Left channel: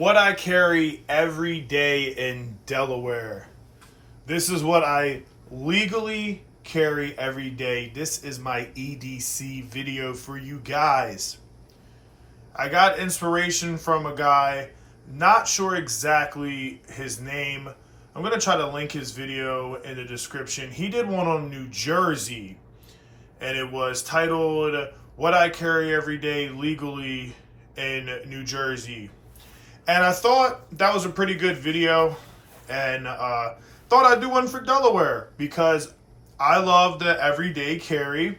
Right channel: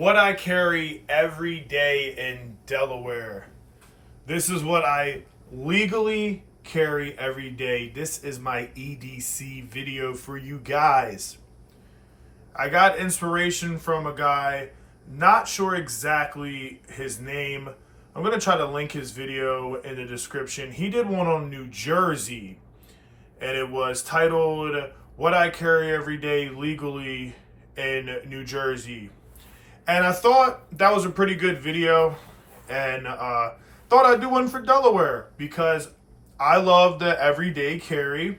what I carry every day in Delaware. This is what I legally carry every day. This is my EDC video for you guys. I got inspiration from a guy, not sure exactly his name. I'm going to try to link his video in the description. He did one on New Jersey, and it was titled, What I Carry Every Day Legally in New Jersey. And I thought that was a pretty good video, and thought I'd do one for Delaware because I love the everyday carry,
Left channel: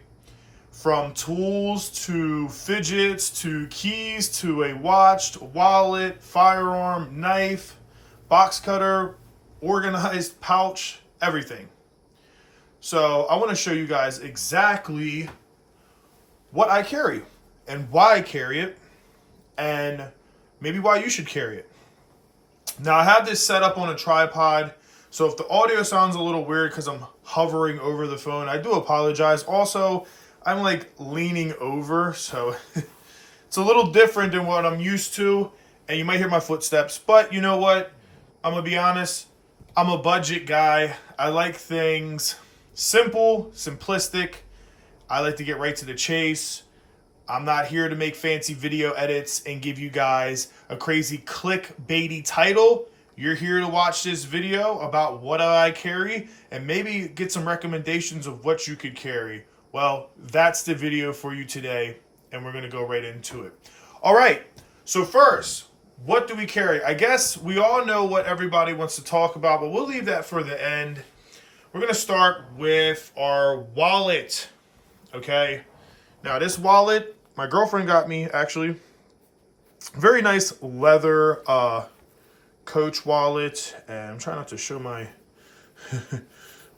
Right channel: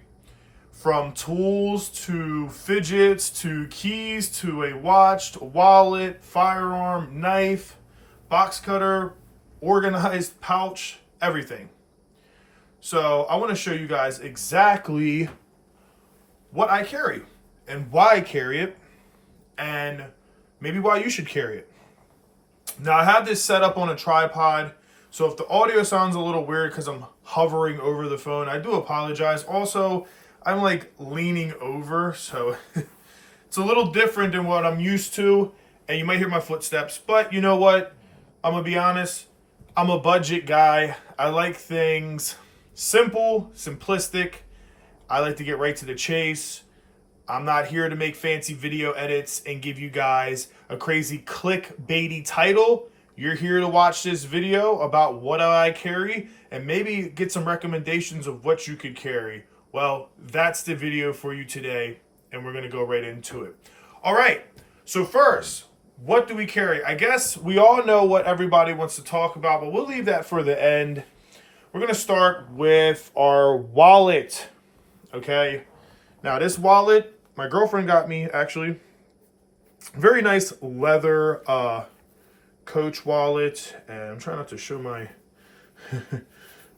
from tools to fidgets to keys to a watch, to a wallet, firearm, knife, box cutter, organized pouch, everything. So I want to show you guys exactly what I carry and why I carry it, and maybe why you should carry it. Now, I have this set up on a tripod, so if the audio sounds a little weird because I'm hovering over the phone, I do apologize. Also, I'm like leaning over, so it's a little different than what I'm used to, and you might hear my footsteps, but you know what? I'm gonna be honest, I'm a budget guy. I like things simple, simplistic. I like to get right to the chase. I'm not here to make fancy video edits and give you guys a crazy clickbaity title. You're here to watch this video about what I carry and maybe get some recommendations of what you could carry. Well, that's the video for you today, and we're going to go right into it. All right, so first, what do we carry? I guess we all know what everybody wants to talk about, but we'll leave that for the end. We're going to start with our wallet, okay? Now, this wallet, my girlfriend got me, actually. Very nice leather Coach wallet, and I'm trying not to show my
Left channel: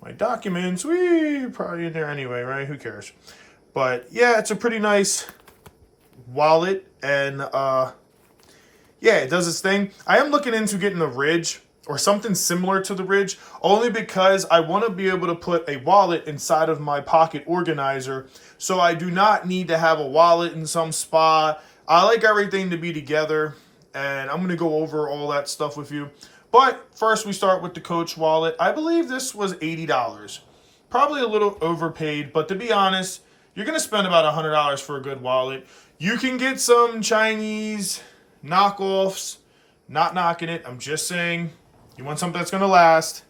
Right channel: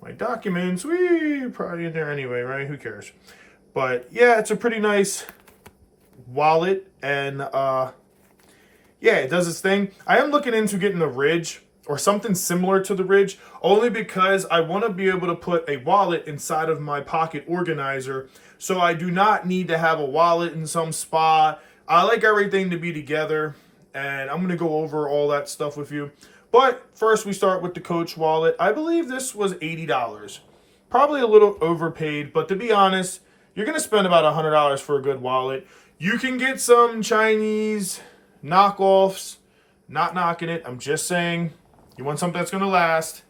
my documents. Probably in there anyway, right? Who cares? But yeah, it's a pretty nice wallet, and yeah, it does its thing. I am looking into getting the Ridge or something similar to the Ridge, only because I want to be able to put a wallet inside of my pocket organizer, so I do not need to have a wallet in some spot. I like everything to be together, and I'm going to go over all that stuff with you. But first, we start with the Coach wallet. I believe this was $80. Probably a little overpaid, but to be honest, you're going to spend about $100 for a good wallet. You can get some Chinese knockoffs. Not knocking it. I'm just saying, you want something that's going to last.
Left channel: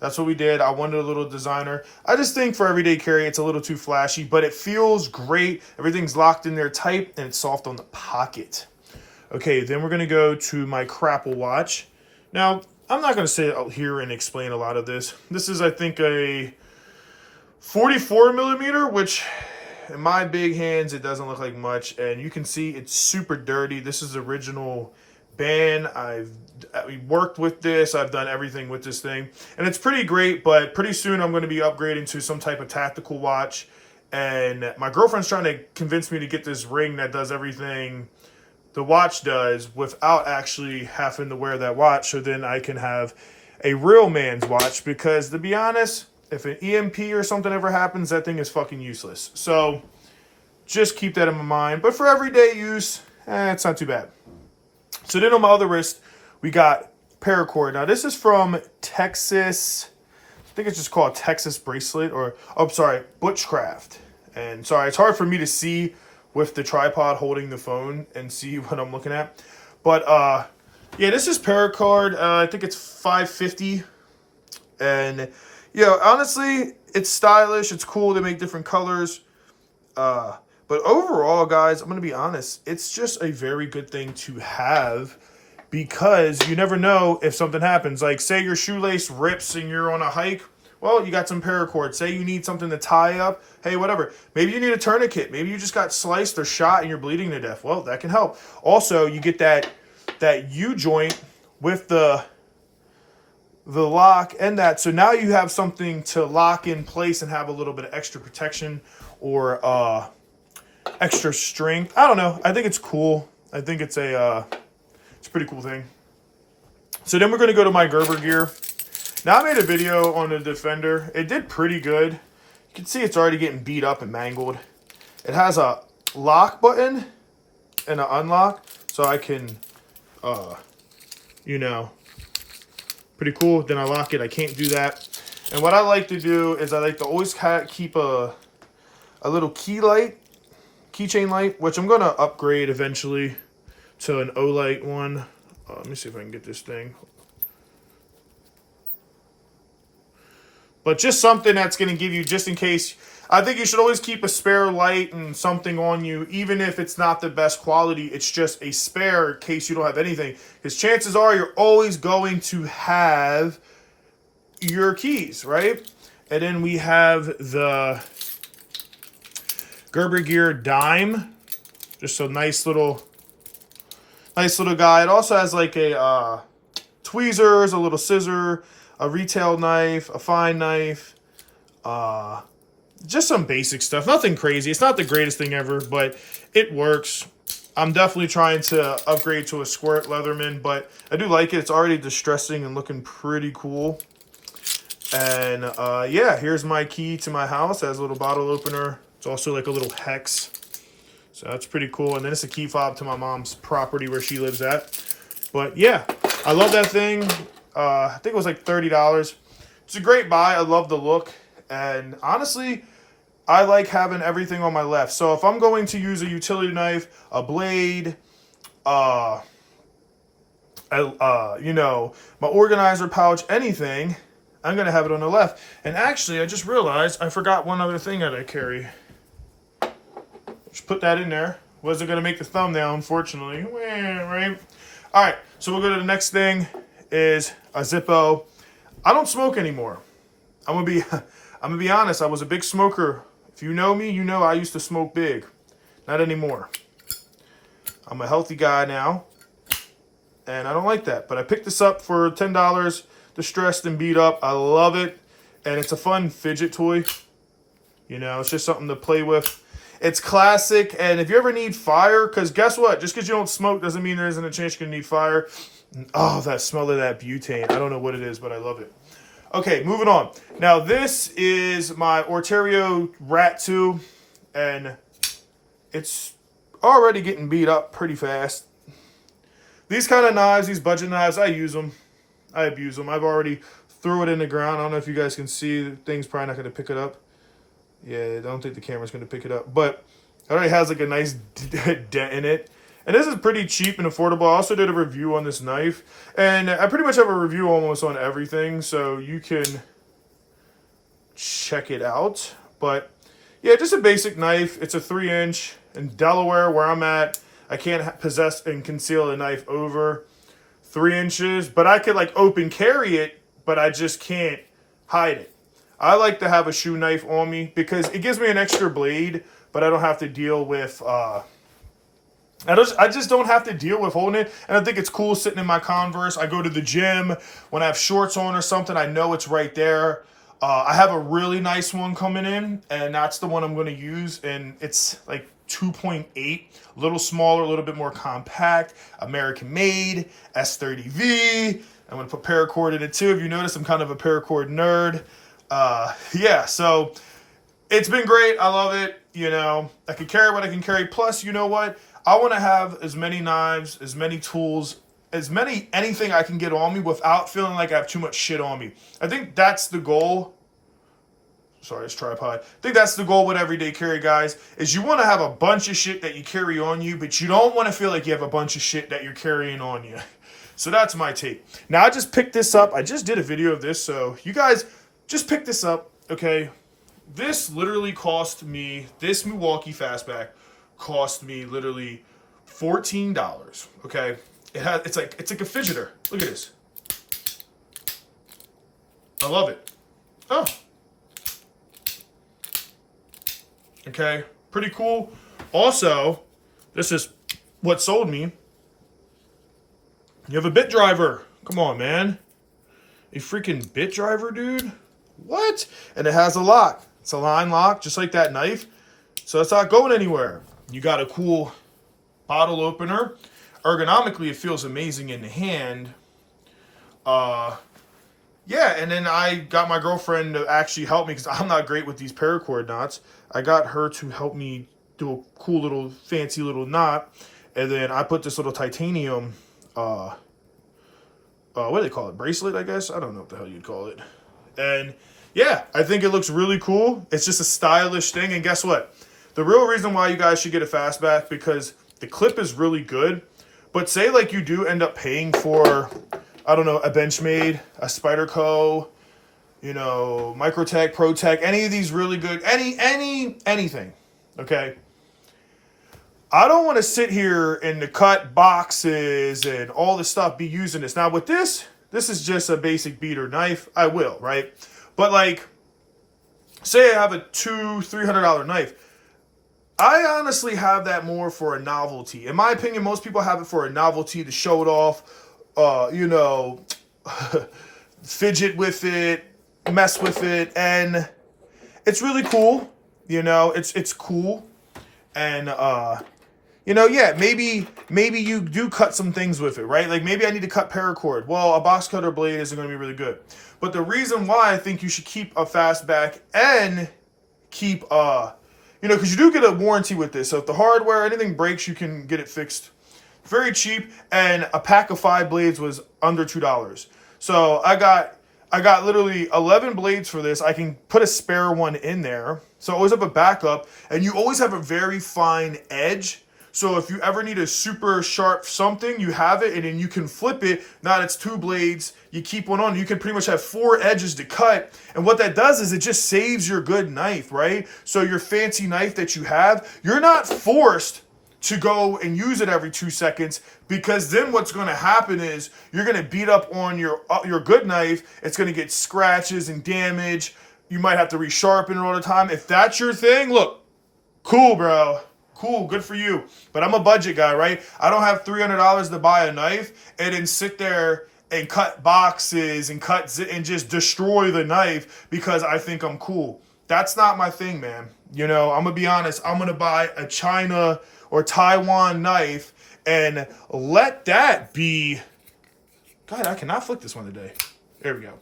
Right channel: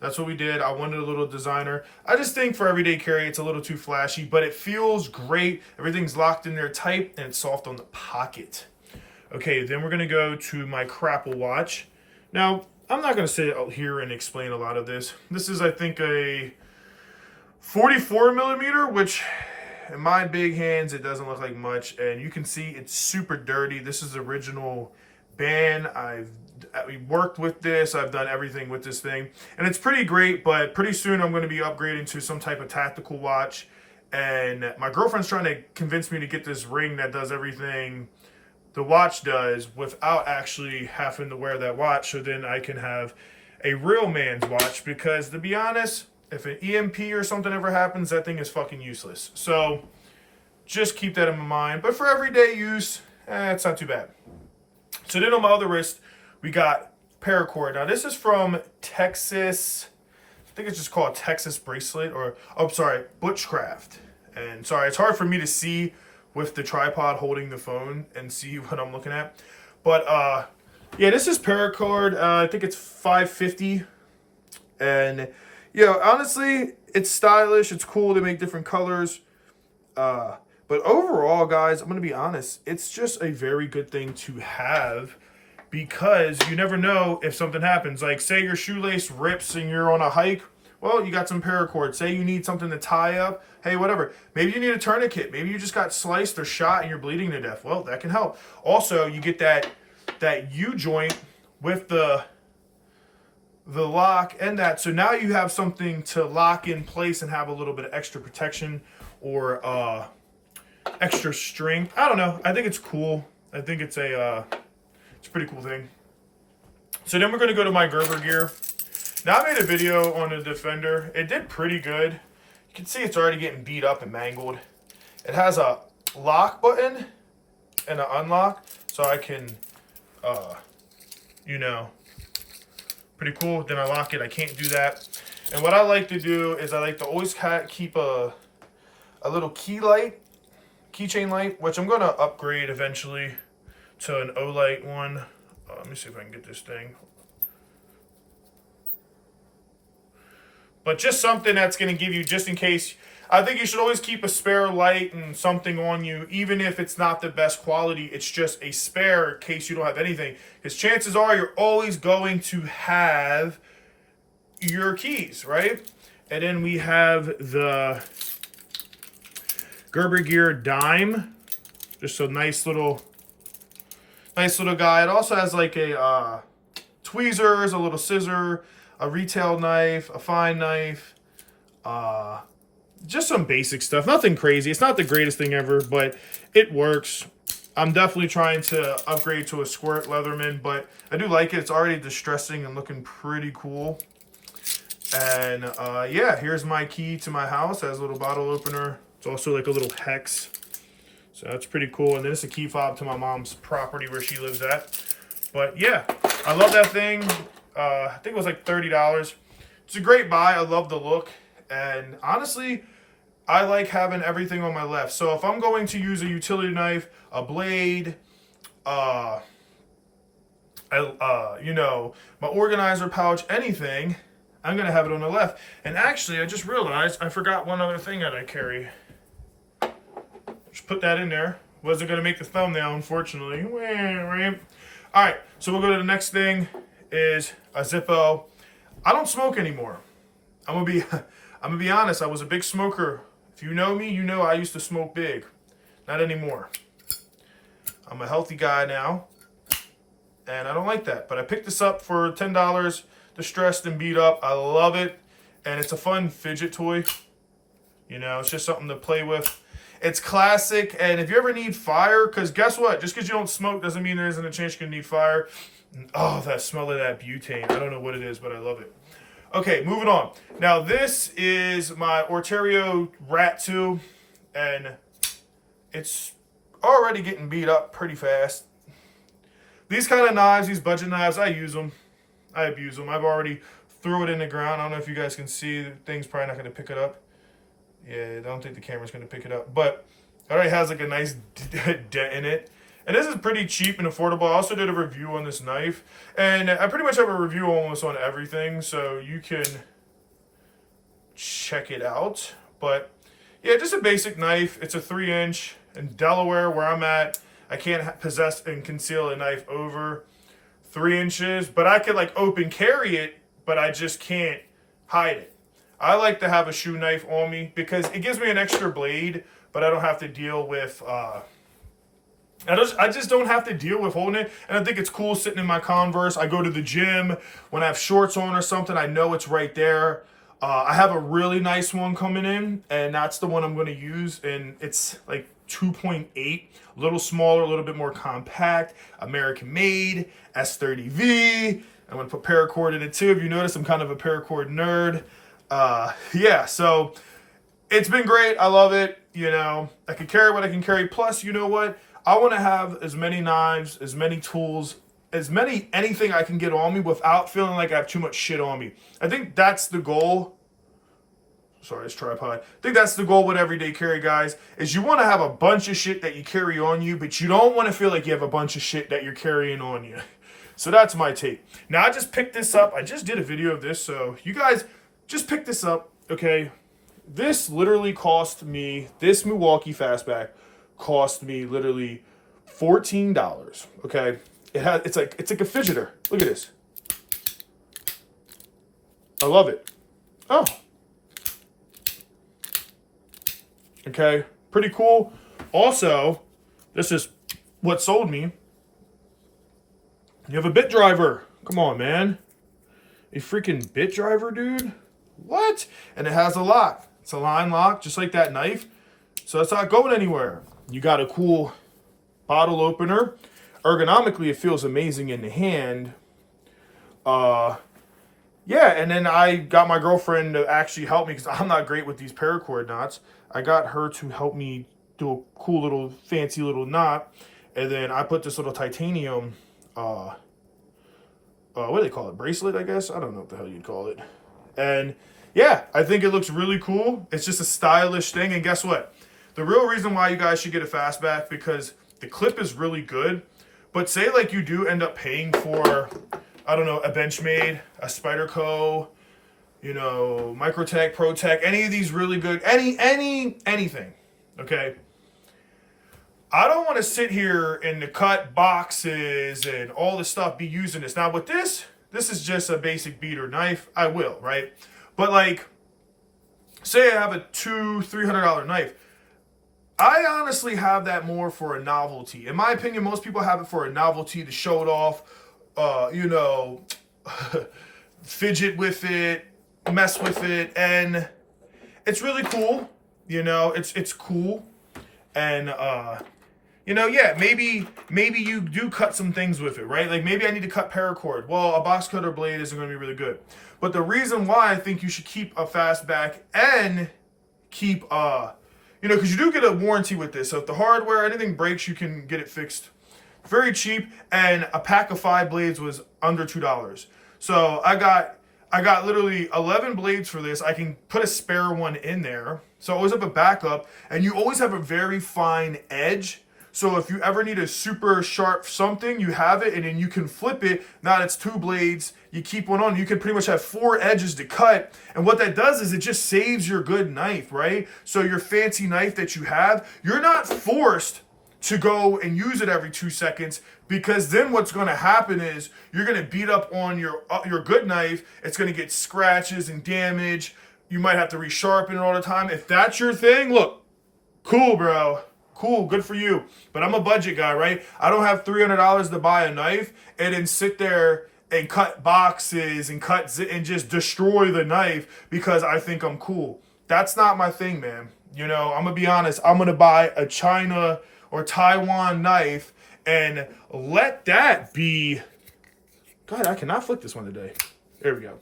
That's what we did. I wanted a little designer. I just think for everyday carry, it's a little too flashy, but it feels great. Everything's locked in there tight, and it's soft on the pocket. Okay, then we're going to go to my Crapple watch. Now, I'm not going to sit out here and explain a lot of this. This is, I think, a 44 millimeter, which in my big hands, it doesn't look like much. And you can see it's super dirty. This is the original band. I've worked with this. I've done everything with this thing. And it's pretty great, but pretty soon I'm going to be upgrading to some type of tactical watch. And my girlfriend's trying to convince me to get this ring that does everything the watch does without actually having to wear that watch, so then I can have a real man's watch, because to be honest, if an EMP or something ever happens, that thing is fucking useless. So just keep that in mind. But for everyday use, it's not too bad. So then on my other wrist, we got paracord. Now this is from Texas, I think it's just called Texas Bracelet, or, oh, sorry, Butchcraft. And sorry, it's hard for me to see with the tripod holding the phone and see what I'm looking at. But yeah, this is paracord. I think it's $5.50. And yeah, honestly, it's stylish. It's cool. They make different colors. But overall, guys, I'm going to be honest, it's just a very good thing to have, because you never know if something happens. Like, say your shoelace rips and you're on a hike. Well, you got some paracord. Say you need something to tie up. Hey, whatever. Maybe you need a tourniquet. Maybe you just got sliced or shot and you're bleeding to death. Well, that can help. Also, you get that U-joint with the lock and that. So now you have something to lock in place and have a little bit of extra protection or extra strength. I don't know. I think it's cool. I think it's a pretty cool thing. So then we're going to go to my Gerber gear. Now, I made a video on the Defender. It did pretty good. You can see it's already getting beat up and mangled. It has a lock button and an unlock, so I can you know, pretty cool. Then I lock it. I can't do that. And what I like to do is I like to always keep a little keychain light, which I'm going to upgrade eventually to an O-light one. Let me see if I can get this thing. But just something that's going to give you, just in case. I think you should always keep a spare light and something on you, even if it's not the best quality. It's just a spare in case you don't have anything. Because chances are you're always going to have your keys, right? And then we have the Gerber Gear dime. Just a nice little guy. It also has like a tweezers, a little scissor, a retail knife, a fine knife, just some basic stuff. Nothing crazy. It's not the greatest thing ever, but it works. I'm definitely trying to upgrade to a squirt Leatherman, but I do like it. It's already distressing and looking pretty cool. And yeah, here's my key to my house. It has a little bottle opener. It's also like a little hex. So that's pretty cool. And then it's a key fob to my mom's property where she lives at. But yeah, I love that thing. I think it was like $30. It's a great buy. I love the look. And honestly, I like having everything on my left. So if I'm going to use a utility knife, a blade, you know, my organizer pouch, anything, I'm going to have it on the left. And actually, I just realized I forgot one other thing that I carry. Just put that in there. Wasn't going to make the thumbnail, unfortunately. Right? All right, so we'll go to the next thing is a Zippo. I don't smoke anymore. I'm gonna be honest. I was a big smoker. If you know me, you know I used to smoke big. Not anymore. I'm a healthy guy now, and I don't like that. But I picked this up for $10, distressed and beat up. I love it, and it's a fun fidget toy. You know, it's just something to play with. It's classic, and if you ever need fire, because guess what? Just because you don't smoke doesn't mean there isn't a chance you're gonna need fire. Oh, that smell of that butane. I don't know what it is, but I love it. Okay, moving on. Now, this is my Orterio Rat 2, and it's already getting beat up pretty fast. These kind of knives, these budget knives, I use them. I abuse them. I've already threw it in the ground. I don't know if you guys can see. The thing's probably not going to pick it up. Yeah, I don't think the camera's going to pick it up. But it already has like a nice dent in it. And this is pretty cheap and affordable. I also did a review on this knife. And I pretty much have a review almost on everything. So you can check it out. But yeah, just a basic knife. It's a 3-inch. In Delaware, where I'm at, I can't possess and conceal a knife over 3 inches. But I could like open carry it, but I just can't hide it. I like to have a shoe knife on me because it gives me an extra blade, but I don't have to deal with... I just don't have to deal with holding it. And I think it's cool sitting in my Converse. I go to the gym. When I have shorts on or something, I know it's right there. I have a really nice one coming in, and that's the one I'm going to use. And it's like 2.8, a little smaller, a little bit more compact, American made, S30V. I'm going to put paracord in it too. If you notice, I'm kind of a paracord nerd. Yeah, so it's been great. I love it. You know, I can carry what I can carry. Plus, you know what? I want to have as many knives, as many tools, anything I can get on me without feeling like I have too much shit on me. I think that's the goal. Sorry, it's tripod. I think that's the goal with everyday carry, guys, is you want to have a bunch of shit that you carry on you, but you don't want to feel like you have a bunch of shit that you're carrying on you. So that's my take. Now, I just picked this up. I just did a video of this, so you guys just pick this up, okay? This literally cost me, this Milwaukee Fastback cost me literally $14, okay? It's like a fidgeter. Look at this. I love it. Oh. Okay, pretty cool. Also, this is what sold me. You have a bit driver. Come on, man. A freaking bit driver, dude? What? And it has a lock. It's a line lock, just like that knife. So it's not going anywhere. You got a cool bottle opener. Ergonomically, it feels amazing in the hand. Yeah, and then I got my girlfriend to actually help me because I'm not great with these paracord knots. I got her to help me do a cool little, fancy little knot. And then I put this little titanium what do they call it? Bracelet, I guess. I don't know what the hell you'd call it. And yeah, I think it looks really cool. It's just a stylish thing. And guess what? The real reason why you guys should get a fastback, because the clip is really good. But say like you do end up paying for, I don't know, a Benchmade, a Spyderco, you know, Microtech, ProTech, any of these really good, anything, okay? I don't want to sit here and to cut boxes and all this stuff be using this. Now with this is just a basic beater knife. I will, right? But like, say I have a $200-$300 knife. I honestly have that more for a novelty. In my opinion, most people have it for a novelty to show it off, you know, fidget with it, mess with it, and it's really cool. You know, it's cool. And you know, yeah, maybe you do cut some things with it, right? Like maybe I need to cut paracord. Well, a box cutter blade isn't going to be really good. But the reason why I think you should keep a fastback and keep you know, because you do get a warranty with this. So if the hardware, anything breaks, you can get it fixed very cheap. And a pack of 5 blades was under $2. So I got literally 11 blades for this. I can put a spare one in there. So I always have a backup. And you always have a very fine edge. So if you ever need a super sharp something, you have it and then you can flip it. Now it's 2 blades. You keep one on. You can pretty much have 4 edges to cut. And what that does is it just saves your good knife, right? So your fancy knife that you have, you're not forced to go and use it every 2 seconds, because then what's going to happen is you're going to beat up on your good knife. It's going to get scratches and damage. You might have to resharpen it all the time. If that's your thing, look, cool, bro. Cool, good for you. But I'm a budget guy, right? I don't have $300 to buy a knife and then sit there and cut boxes and and just destroy the knife because I think I'm cool. That's not my thing, man. You know, I'm gonna be honest. I'm gonna buy a China or Taiwan knife and let that be. God, I cannot flick this one today. There we go.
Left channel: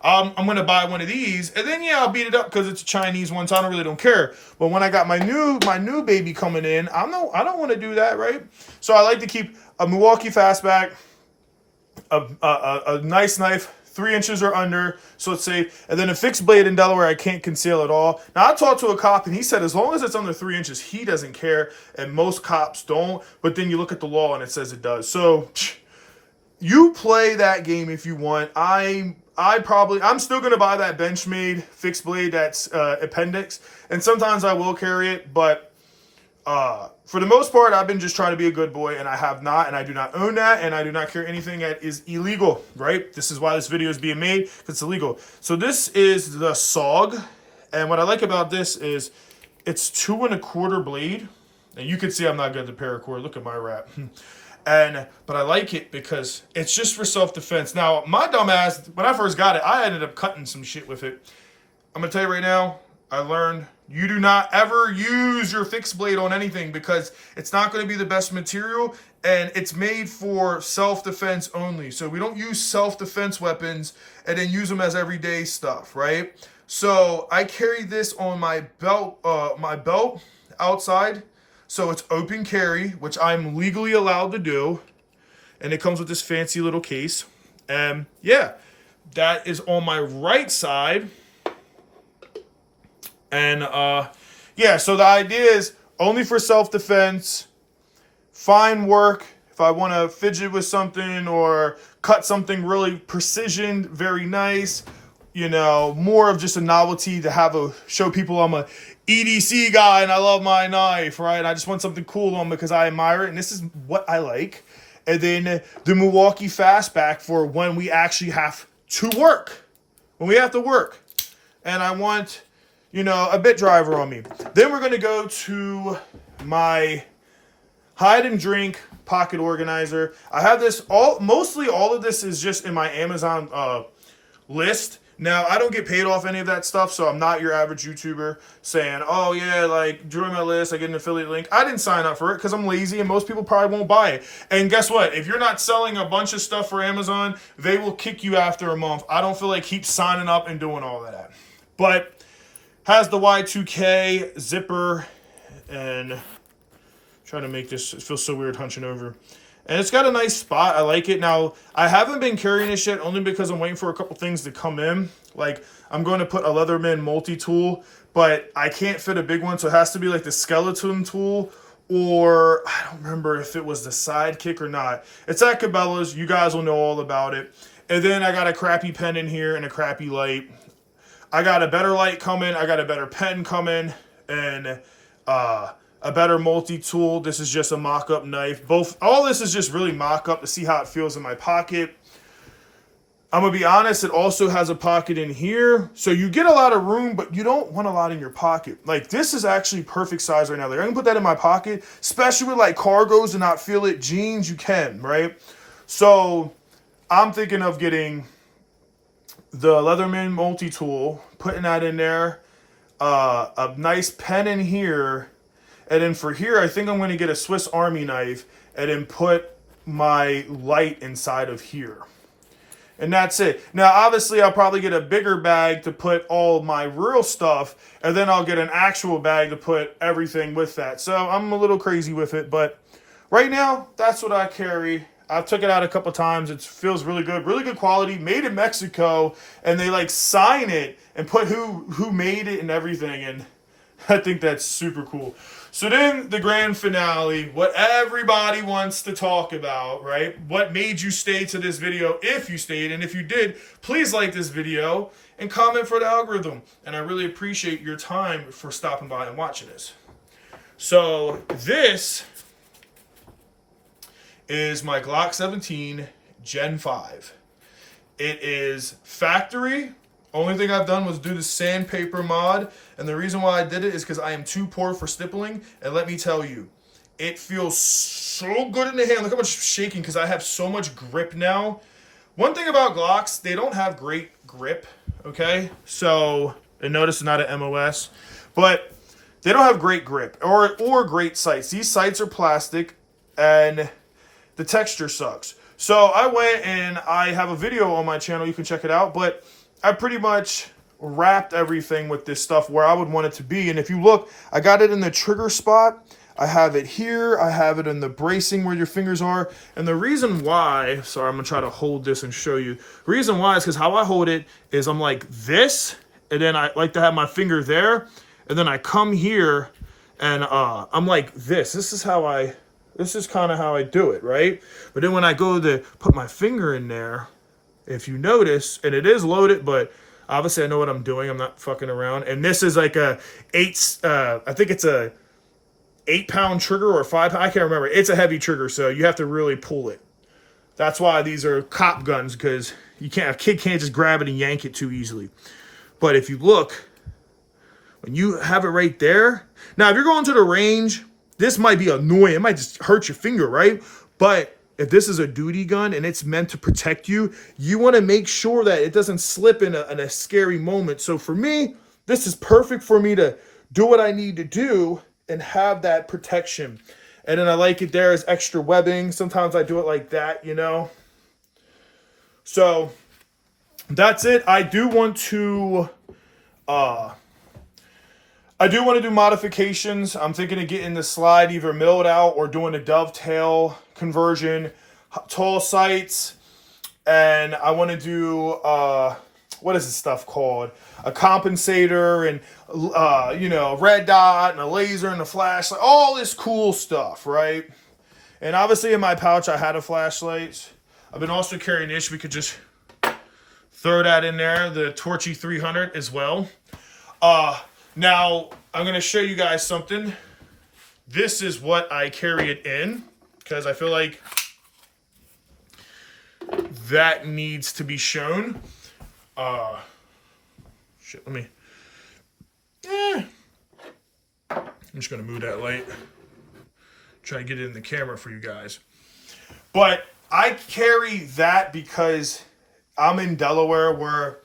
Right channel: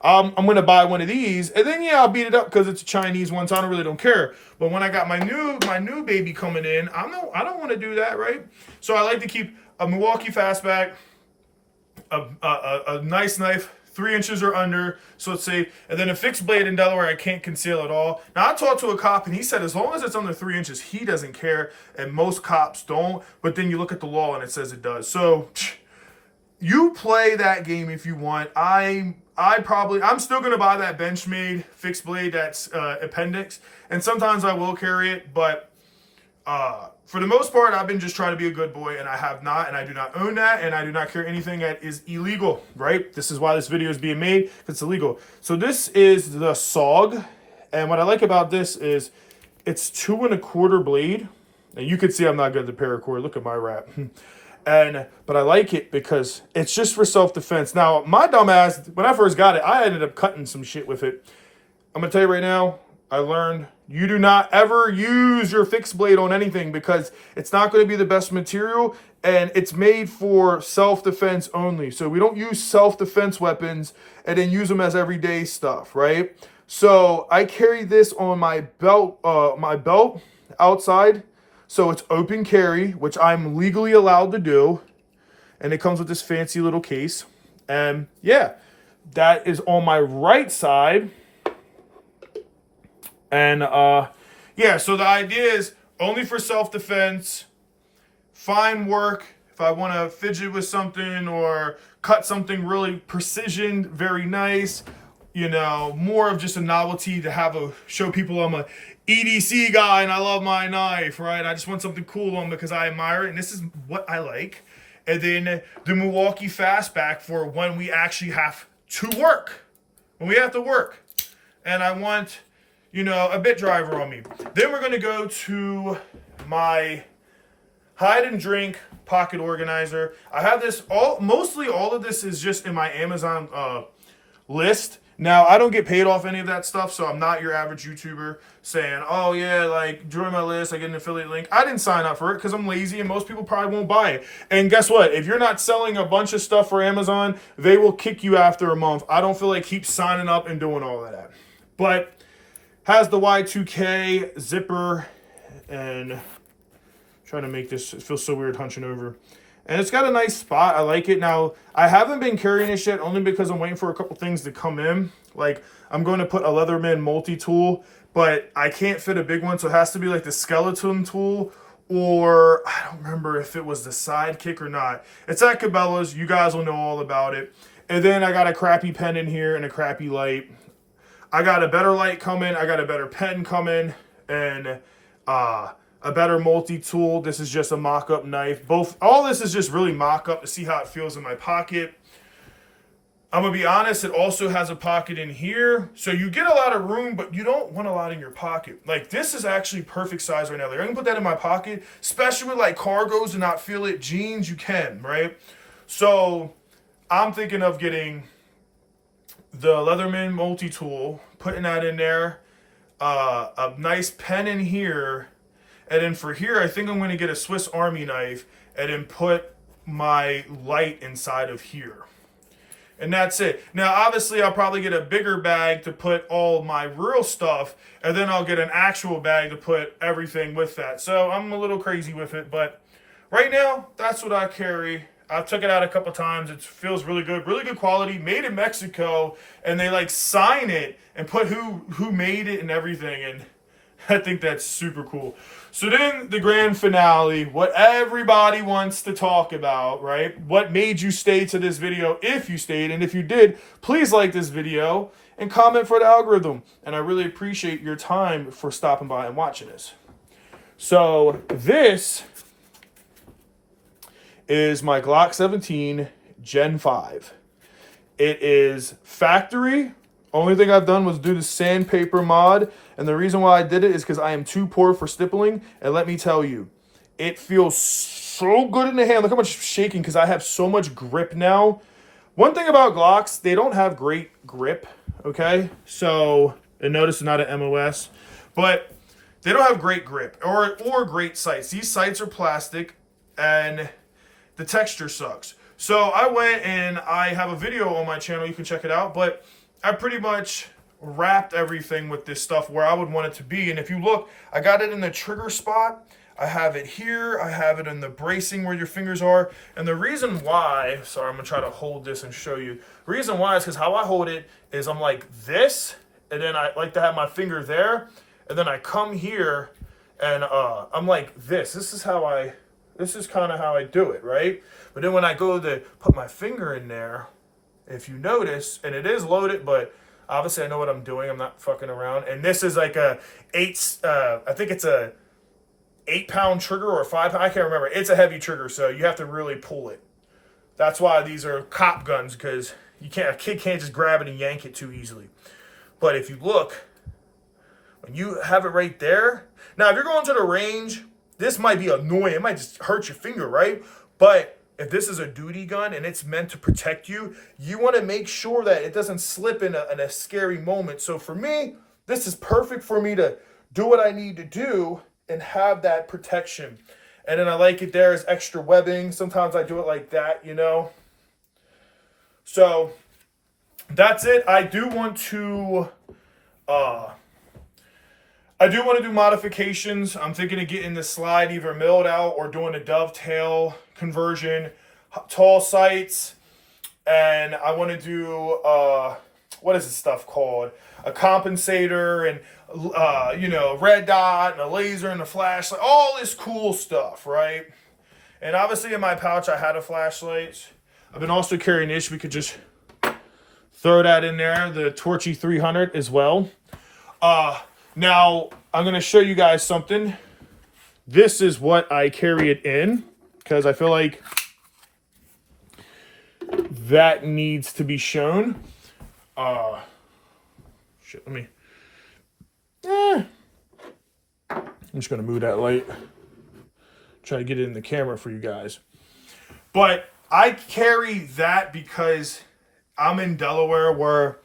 I'm gonna buy one of these, and then yeah, I'll beat it up because it's a Chinese one, so I don't care. But when I got my new baby coming in, I don't want to do that, right? So I like to keep a Milwaukee fastback, a nice knife, 3 inches or under, so it's safe, and then a fixed blade in Delaware I can't conceal at all. Now I talked to a cop and he said as long as it's under 3 inches, he doesn't care, and most cops don't. But then you look at the law and it says it does. So you play that game if you want. I'm still gonna buy that Benchmade fixed blade that's appendix, and sometimes I will carry it, but for the most part, I've been just trying to be a good boy, and I do not own that, and I do not carry anything that is illegal, right? This is why this video is being made, because it's illegal. So this is the SOG, and what I like about this is it's 2 1/4 blade, and you can see I'm not good at the paracord. Look at my wrap. But I like it because it's just for self-defense. Now, my dumb ass, when I first got it, I ended up cutting some shit with it. I'm going to tell you right now, I learned you do not ever use your fixed blade on anything because it's not going to be the best material, and it's made for self-defense only. So we don't use self-defense weapons and then use them as everyday stuff, right? So I carry this on my belt outside. So it's open carry, which I'm legally allowed to do. And it comes with this fancy little case. And yeah, that is on my right side. And yeah, so the idea is only for self-defense, fine work. If I want to fidget with something or cut something really precision, very nice, you know, more of just a novelty to show people I'm a EDC guy and I love my knife, right? I just want something cool on because I admire it, and this is what I like. And then the Milwaukee fastback for when we actually have to work, when we have to work, and I want, you know, a bit driver on me. Then we're gonna go to my hide and drink pocket organizer. I have this mostly all of this is just in my Amazon list. Now, I don't get paid off any of that stuff, so I'm not your average YouTuber saying, oh yeah, like, join my list, I get an affiliate link. I didn't sign up for it because I'm lazy and most people probably won't buy it. And guess what? If you're not selling a bunch of stuff for Amazon, they will kick you after a month. I don't feel like keep signing up and doing all of that. But has the Y2K zipper, and trying to make this, it feels so weird hunching over. And it's got a nice spot. I like it. Now, I haven't been carrying this yet only because I'm waiting for a couple things to come in. Like, I'm going to put a Leatherman multi-tool, but I can't fit a big one, so it has to be like the skeleton tool, or I don't remember if it was the sidekick or not. It's at Cabela's. You guys will know all about it. And then I got a crappy pen in here and a crappy light. I got a better light coming. I got a better pen coming, and a better multi-tool. This is just a mock-up knife. All this is just really mock-up to see how it feels in my pocket. I'm going to be honest, it also has a pocket in here. So you get a lot of room, but you don't want a lot in your pocket. Like, this is actually perfect size right now. Like, I can put that in my pocket, especially with like cargos and not feel it. Jeans, you can, right? So I'm thinking of getting the Leatherman multi-tool, putting that in there, a nice pen in here, and then for here, I think I'm going to get a Swiss Army knife and then put my light inside of here. And that's it. Now, obviously, I'll probably get a bigger bag to put all my real stuff, and then I'll get an actual bag to put everything with that. So I'm a little crazy with it, but right now, that's what I carry. I took it out a couple times. It feels really good quality, made in Mexico, and they like sign it and put who made it and everything, and I think that's super cool. So then the grand finale, what everybody wants to talk about, right? What made you stay to this video if you stayed, and if you did, please like this video and comment for the algorithm, and I really appreciate your time for stopping by and watching this. So this is my Glock 17 Gen 5. It is factory. Only thing I've done was do the sandpaper mod, and the reason why I did it is because I am too poor for stippling, and let me tell you, it feels so good in the hand. Look how much it's shaking because I have so much grip now. One thing about Glocks, they don't have great grip, okay? So, and notice it's not an MOS, but they don't have great grip or great sights. These sights are plastic, and the texture sucks. So I went and I have a video on my channel. You can check it out. But I pretty much wrapped everything with this stuff where I would want it to be. And if you look, I got it in the trigger spot. I have it here. I have it in the bracing where your fingers are. And the reason why, sorry, I'm going to try to hold this and show you. The reason why is because how I hold it is I'm like this. And then I like to have my finger there. And then I come here and I'm like this. This is kind of how I do it, right? But then when I go to put my finger in there, if you notice, and it is loaded, but obviously I know what I'm doing. I'm not fucking around. And this is like I think it's a 8-pound trigger or a 5-pound. I can't remember. It's a heavy trigger, so you have to really pull it. That's why these are cop guns, because a kid can't just grab it and yank it too easily. But if you look, when you have it right there, now if you're going to the range, this might be annoying. It might just hurt your finger, right? But if this is a duty gun and it's meant to protect you, you want to make sure that it doesn't slip in a scary moment. So for me, this is perfect for me to do what I need to do and have that protection. And then I like it there as extra webbing. Sometimes I do it like that, you know. So that's it. I do want to do modifications. I'm thinking of getting the slide either milled out or doing a dovetail conversion, tall sights, and I want to do what is this stuff called? A compensator and red dot and a laser and a flashlight, all this cool stuff, right? And obviously in my pouch I had a flashlight. I've been also carrying this. We could just throw that in there, the Torchy 300 as well. Now, I'm going to show you guys something. This is what I carry it in, because I feel like that needs to be shown. Shit, let me... I'm just going to move that light. Try to get it in the camera for you guys. But I carry that because I'm in Delaware, where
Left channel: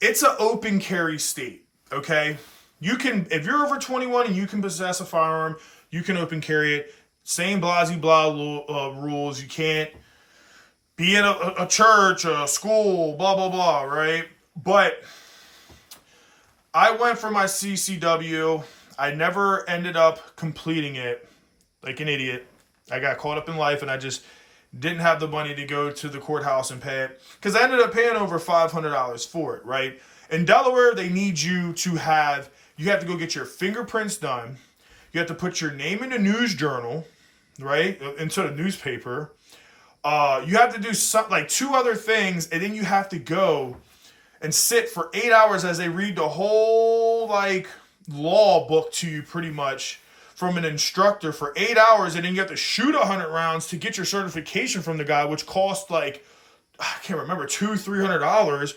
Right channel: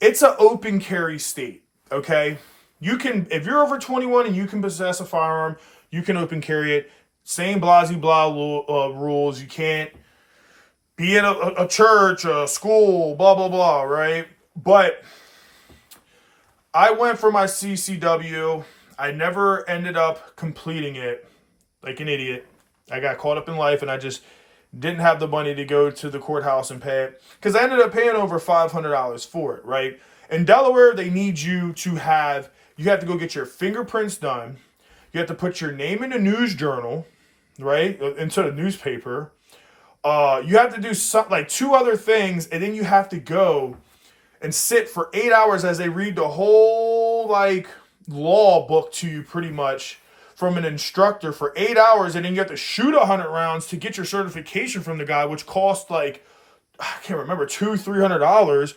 it's an open carry state, okay? You can, if you're over 21 and you can possess a firearm, you can open carry it. Same blah rules. You can't be in a church, a school, blah, blah, blah, right? But I went for my CCW. I never ended up completing it, like an idiot. I got caught up in life and I just didn't have the money to go to the courthouse and pay it, because I ended up paying over $500 for it, right? In Delaware, they need you to have, you have to go get your fingerprints done. You have to put your name in a news journal, right? Instead of newspaper. You have to do like 2 other things, and then you have to go and sit for 8 hours as they read the whole like law book to you, pretty much, from an instructor for 8 hours, and then you have to shoot 100 rounds to get your certification from the guy, which cost like, I can't remember, $200-$300.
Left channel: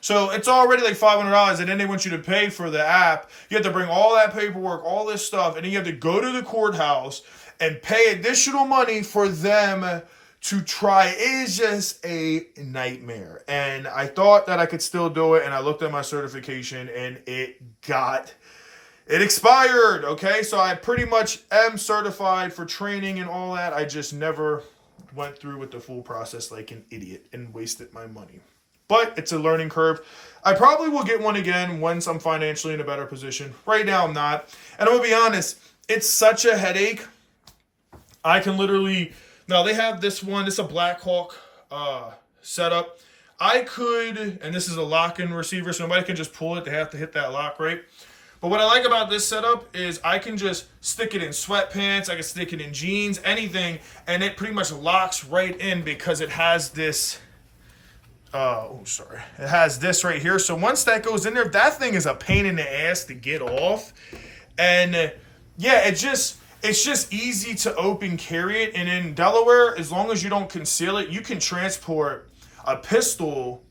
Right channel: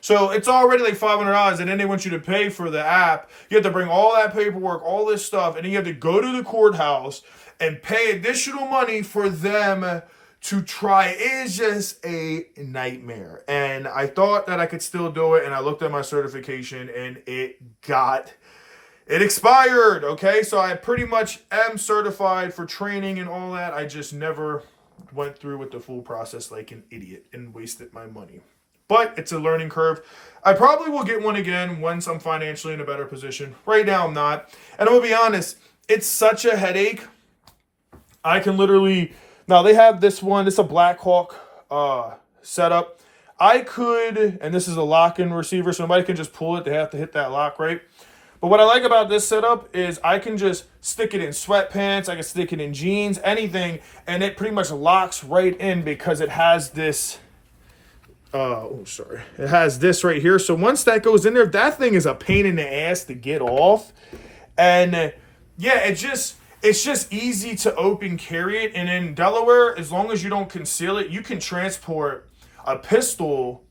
So it's already like $500, and then they want you to pay for the app. You have to bring all that paperwork, all this stuff, and then you have to go to the courthouse and pay additional money for them to try. It is just a nightmare. And I thought that I could still do it, and I looked at my certification, and it expired, okay? So I pretty much am certified for training and all that. I just never went through with the full process like an idiot and wasted my money. But it's a learning curve. I probably will get one again once I'm financially in a better position. Right now, I'm not. And I'm going to be honest, it's such a headache. I can literally... Now, they have this one. It's a Blackhawk setup. I could... And this is a lock-in receiver, so nobody can just pull it. They have to hit that lock, right? But what I like about this setup is I can just stick it in sweatpants. I can stick it in jeans, anything. And it pretty much locks right in because it has this... It has this right here. So once that goes in there, that thing is a pain in the ass to get off. And yeah, it's just easy to open, carry it. And in Delaware, as long as you don't conceal it, you can transport a pistol.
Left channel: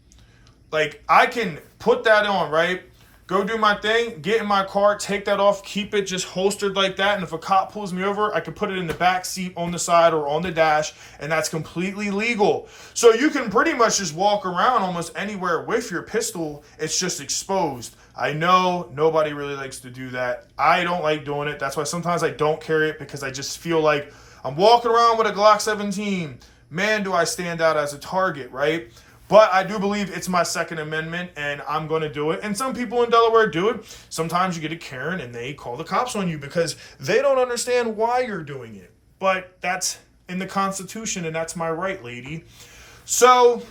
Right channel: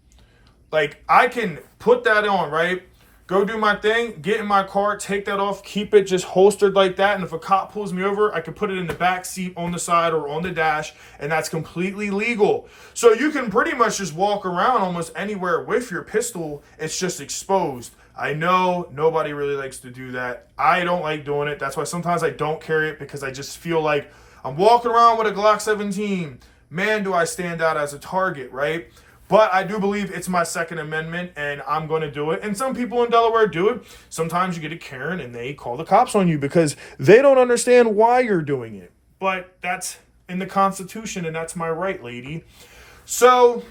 Like, I can put that on, right? Go do my thing, get in my car, take that off, keep it just holstered like that. And if a cop pulls me over, I can put it in the back seat, on the side, or on the dash, and that's completely legal. So you can pretty much just walk around almost anywhere with your pistol. It's just exposed. I know nobody really likes to do that. I don't like doing it. That's why sometimes I don't carry it, because I just feel like I'm walking around with a Glock 17. Man, do I stand out as a target, right? But I do believe it's my Second Amendment, and I'm going to do it. And some people in Delaware do it. Sometimes you get a Karen, and they call the cops on you because they don't understand why you're doing it. But that's in the Constitution, and that's my right, lady. So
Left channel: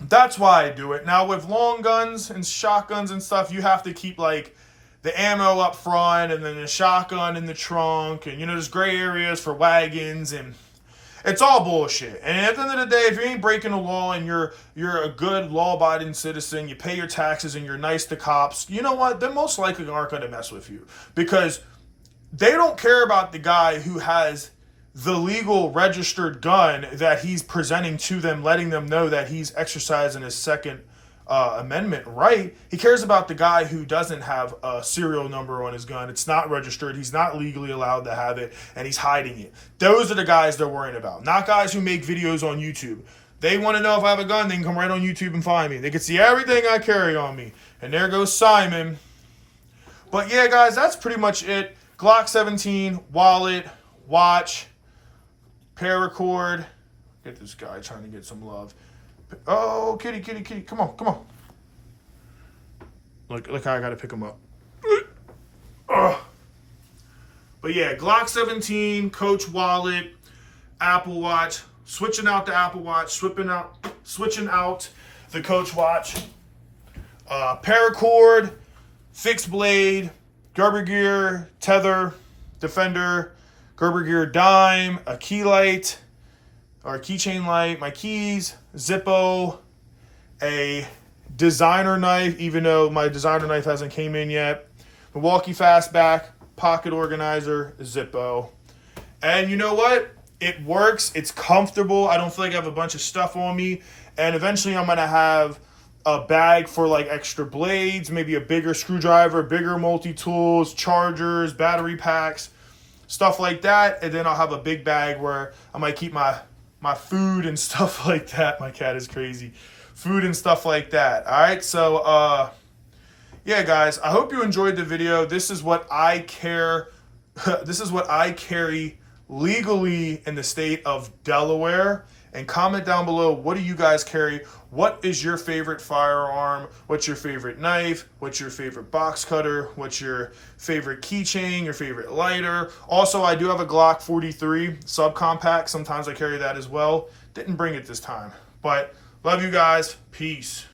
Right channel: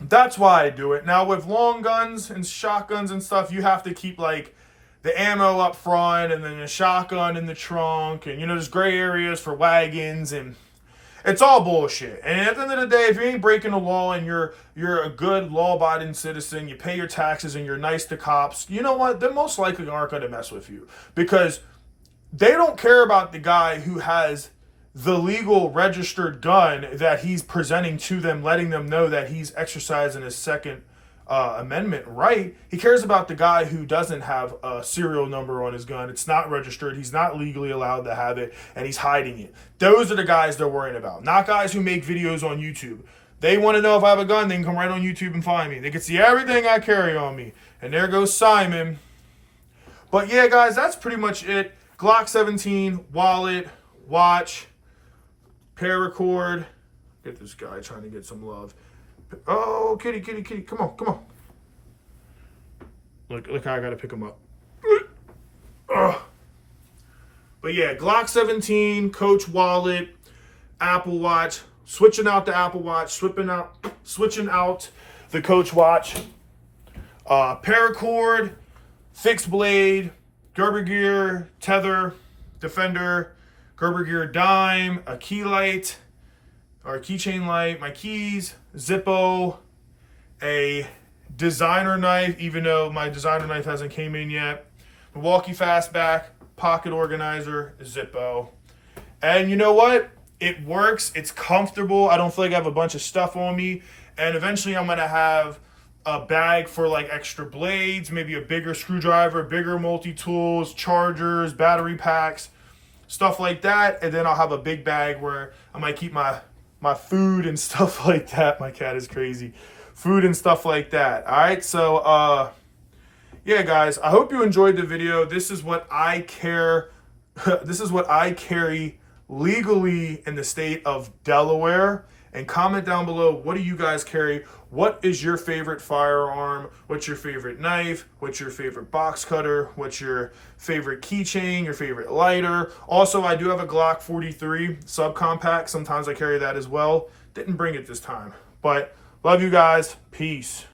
that's why I do it. Now, with long guns and shotguns and stuff, you have to keep, like, the ammo up front and then the shotgun in the trunk. And, there's gray areas for wagons, and it's all bullshit. And at the end of the day, if you ain't breaking the law and you're a good law-abiding citizen, you pay your taxes and you're nice to cops, you know what? They most likely aren't going to mess with you, because they don't care about the guy who has the legal registered gun that he's presenting to them, letting them know that he's exercising his Second Amendment right. He cares about the guy who doesn't have a serial number on his gun. It's not registered. He's not legally allowed to have it, and he's hiding it. Those are the guys they're worrying about, not guys who make videos on YouTube. They want to know if I have a gun, they can come right on YouTube and find me. They can see everything I carry on me. And there goes Simon. But yeah, guys, that's pretty much it. Glock 17, wallet, watch, paracord. Get this guy trying to get some love. Oh, kitty. Come on. Look how I got to pick him up. But yeah, Glock 17, Coach wallet, Apple Watch, switching out the Apple Watch, switching out the Coach watch, paracord, fixed blade, Gerber gear, tether, defender, Gerber gear dime, a key light, or keychain light, my keys, Zippo, a designer knife, even though my designer knife hasn't came in yet, Milwaukee Fastback, pocket organizer, Zippo. And you know what? It works. It's comfortable. I don't feel like I have a bunch of stuff on me. And eventually I'm going to have a bag for like extra blades, maybe a bigger screwdriver, bigger multi-tools, chargers, battery packs, stuff like that. And then I'll have a big bag where I might keep my food and stuff like that. My cat is crazy. Food and stuff like that. All right. So, yeah, guys, I hope you enjoyed the video. This is what I carry legally in the state of Delaware. and comment down below, what do you guys carry? What is your favorite firearm? What's your favorite knife? What's your favorite box cutter? What's your favorite keychain? Your favorite lighter? Also, I do have a Glock 43 subcompact. Sometimes I carry that as well. Didn't bring it this time, but love you guys. Peace.